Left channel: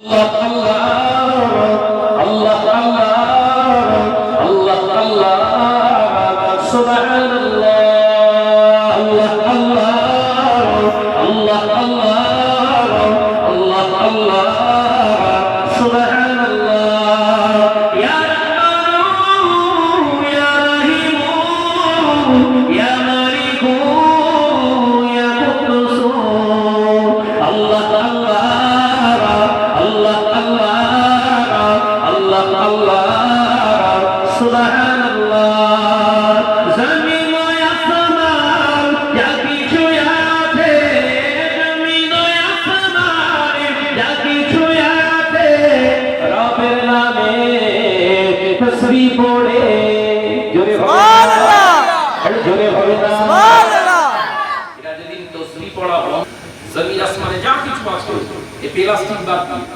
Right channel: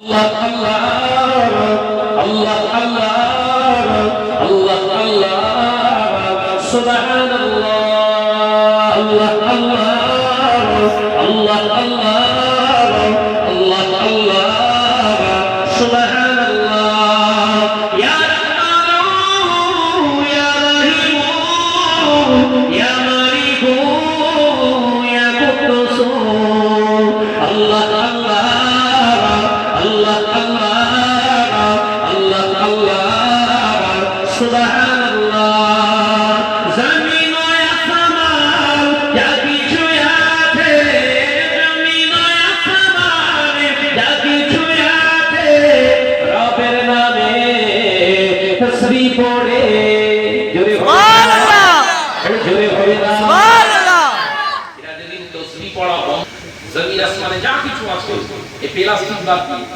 Allah, Allah, তসবি পড়ে জোরে হবে সুবহানাল্লাহ। আরে জোরে হবে না। সুবহানাল্লাহ। এরা যেদিন তসবিহ পড়া বন্ধ, জমিন আসমানে যা কিছু আছে এই প্লাস্টিক বাদ দিয়ে।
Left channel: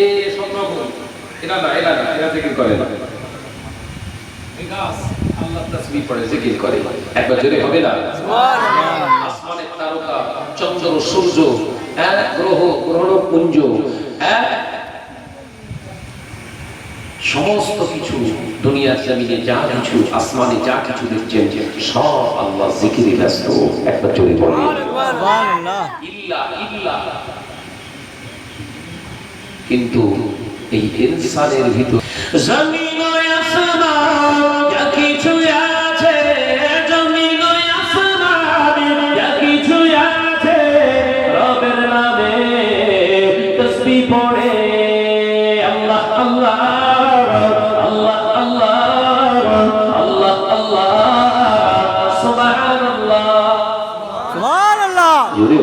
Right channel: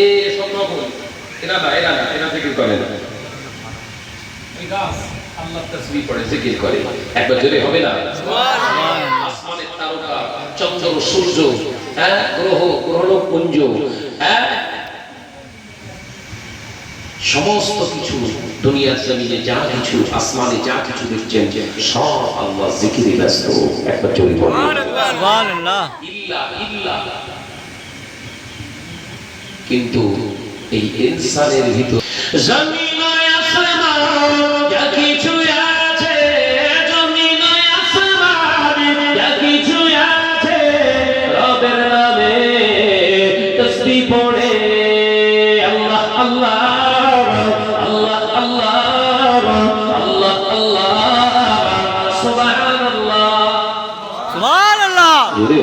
এ সব রকম এরা না এরা না এরা জিকির করে না। এই গাছ আল্লাহ তসবিহ পড়ে জিকির করে। একবার জোরে হবে না? আসমানের তারকা চন্দ্র সূর্য হ্যাঁ গ্রহ গ্রহ পুঞ্জ হ্যাঁ সমস্ত কিছু দুনিয়ার জমিনে যা কিছু আসমানে যা কিছু দেখছেন সব আল্লাহ জিকিরে ব্যস্ত একবার জোরে বলুন ইল্লা ইল্লা। কিন্তু এই ইনসানের ভিতর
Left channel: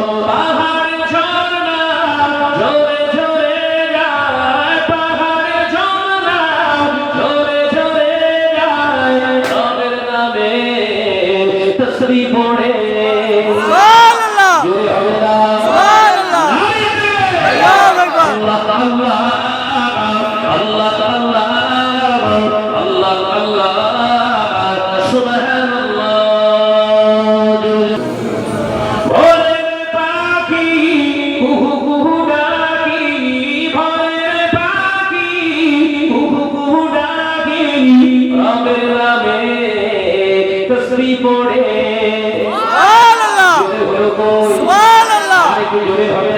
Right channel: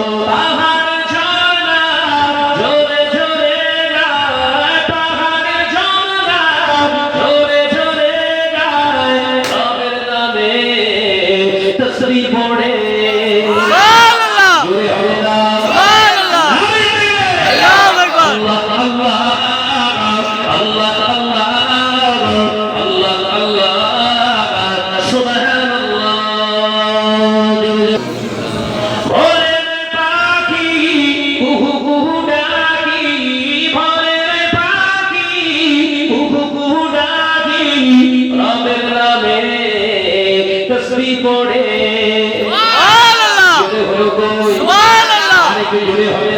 পাহাড় তসবিহ পড়ে সুবহানাল্লাহ! সুবহানাল্লাহ! আরেকটু জোরে হবে।